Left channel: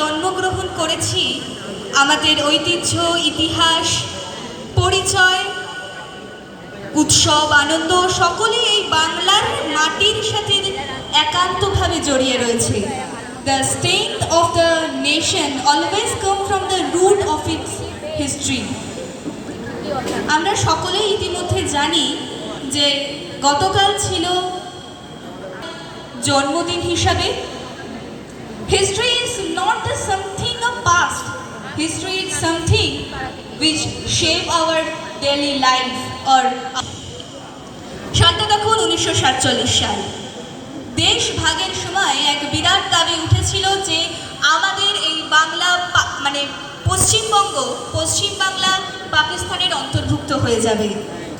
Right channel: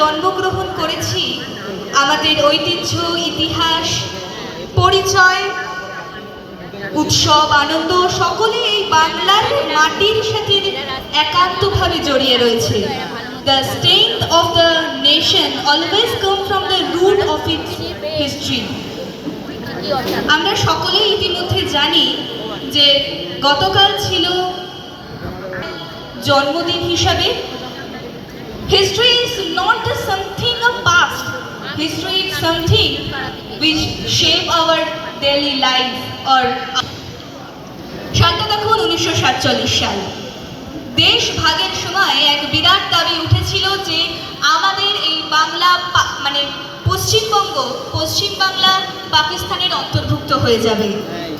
জন্মগ্রহণ করেছি আমাদের ঐতিহ্য, ইতিহাস, পরিচয়, উৎসব, আনন্দ সকলে এই বাংলার মাটির সাথে একান্তভাবে জড়িয়ে রয়েছে। The strength of the nation always come from the root of its history. আমরা সকলেই ইতিমধ্যে জানি যে গতকাল ছিল জন্মদিন হিসাবে। History is not something of past. History is something which shape our daily life. Or সালটা দেখুন 1947 সাল। দেশ ভাগের সময় এক বিরাট দাবি উঠেছিল যে আমাদের এই বাংলা মানে পশ্চিম বাংলা পাকিস্তানের অন্তর্ভুক্ত হয়ে যাবে।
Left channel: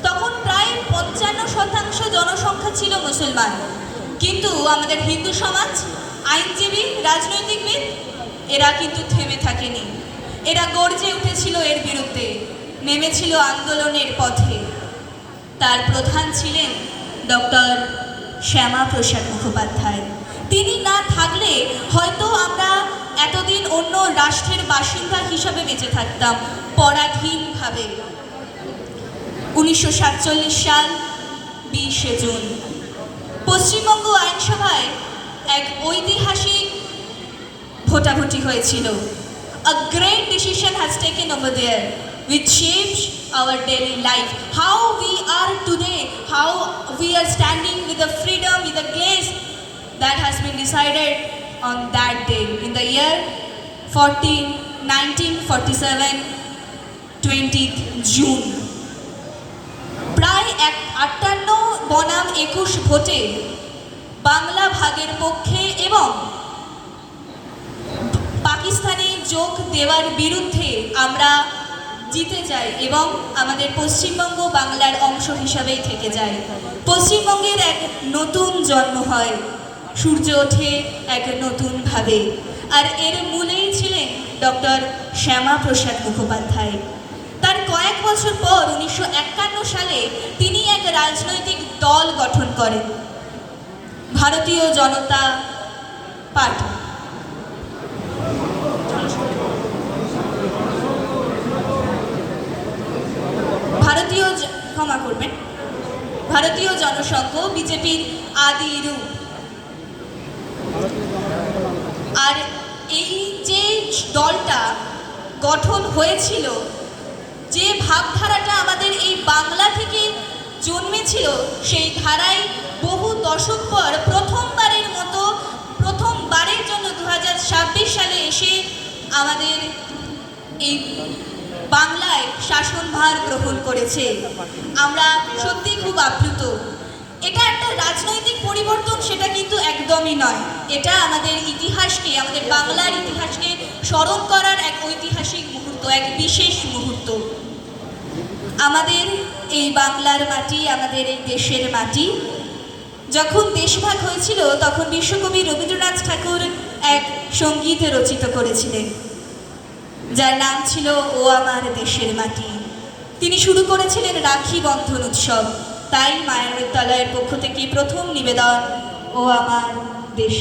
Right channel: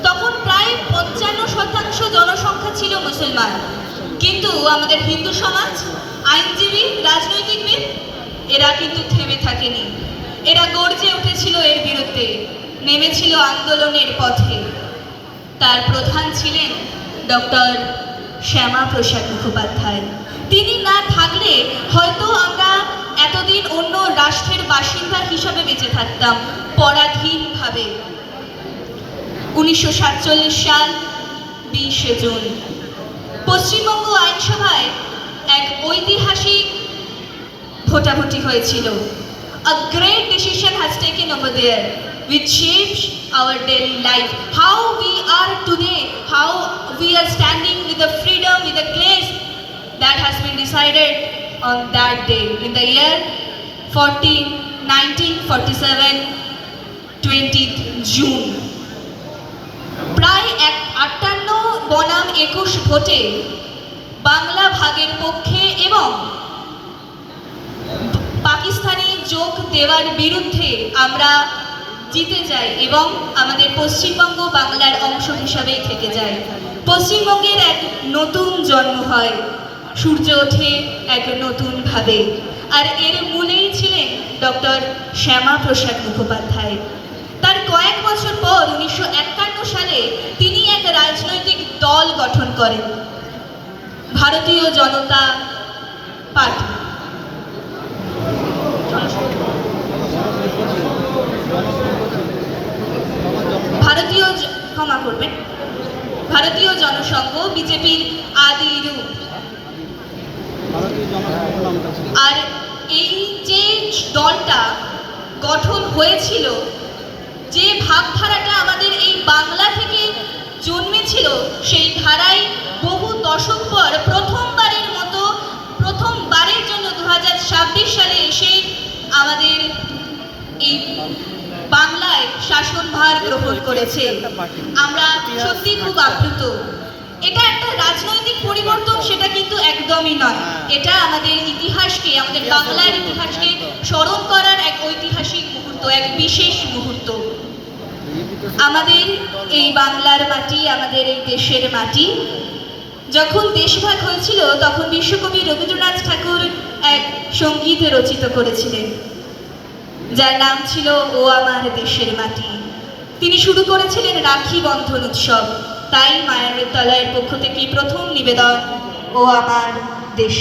তখন প্রায় 55% জনসংখ্যা ছিল মুসলমান, কিন্তু আমাদের হিন্দু সমাজ, আইনজীবী, রাজনৈতিকবিদ এরা কিন্তু থেমে থাকেনি। এরা গর্জে উঠেছিল এর বিরুদ্ধে, নেমেছিল আন্দোলনের পথে। তার প্রধান ছিলেন ডক্টর শ্যামাপ্রসাদ মুখোপাধ্যায়। তিনি না থাকলে হয়তো আমরা এতদিন অন্য রাষ্ট্রের বাসিন্দা হিসাবে বেঁচে থাকতাম পরাধীনভাবে। 1947 সাল 20 জুন পশ্চিমবঙ্গ আইনসভায় এক ঐতিহাসিক ভোটাভুটি হয়েছিল। A great decision has taken over there which shapes our daily life. How we are today, how we are standing with the freedom, with the grace that has been decided on that day in the year 1947, 20th June. প্রায় 58 বনাম 21 ভোটে বাংলা ভাগের পক্ষে এবং পাকিস্তানি যোগ দেওয়ার বিরুদ্ধে আমরা জিতে যাই এবং আমাদের পশ্চিমবঙ্গ বাংলার অংশ হিসাবেই থেকে যায়। পশ্চিমবঙ্গের এক নতুন জন্ম হয়, সূর্য ওঠে এক নতুনভাবে। আর এর মূলেই ছিলেন ডক্টর শ্যামাপ্রসাদ মুখোপাধ্যায়। তার কয়েক বছর পর 1951 সালে তিনি এক রাজনৈতিক দল গঠন করেন, ভারতীয় জনতা পার্টি। ভারতীয় জনসংঘ, বিজেপির আদি রূপ। আর এই যে দলটা গঠন হয়েছিল, যে ভাবধারাটা আমাদের এই বাংলা থেকে জন্মেছিল, সেই ধারায় বহু দশক পর প্রথমবারের জন্য 2026 সালে এসে আমাদের এই বাংলায় শাসনভার গ্রহণ করেছে। আমরা সত্যি খুব আপ্লুত। এটা একটা রাজনৈতিক পরিবর্তন সেটা কিন্তু একদমই নয়। এটা আমাদের ইতিহাসকে, আমাদের বাংলার ইতিহাসকে স্মরণ করার এক ঐতিহাসিক মুহূর্ত, এক বিশেষ মুহূর্ত। আমাদের এই বাংলার মাটি, আমাদের এই দেশের মাটি যখন দেশভাগ হয়েছিল তখন বিশ্বকবি রবীন্দ্রনাথ ঠাকুর এক সঙ্গীত রচিত করেছিলেন যার নাম ছিল ও আমার দেশের মাটি। তিনি শুরু করেছিলেন রাখি বন্ধন উৎসব। তাই মায়ানৃত্যালয়ের পক্ষ থেকে প্রথম নিবেদন ও আমার দেশ।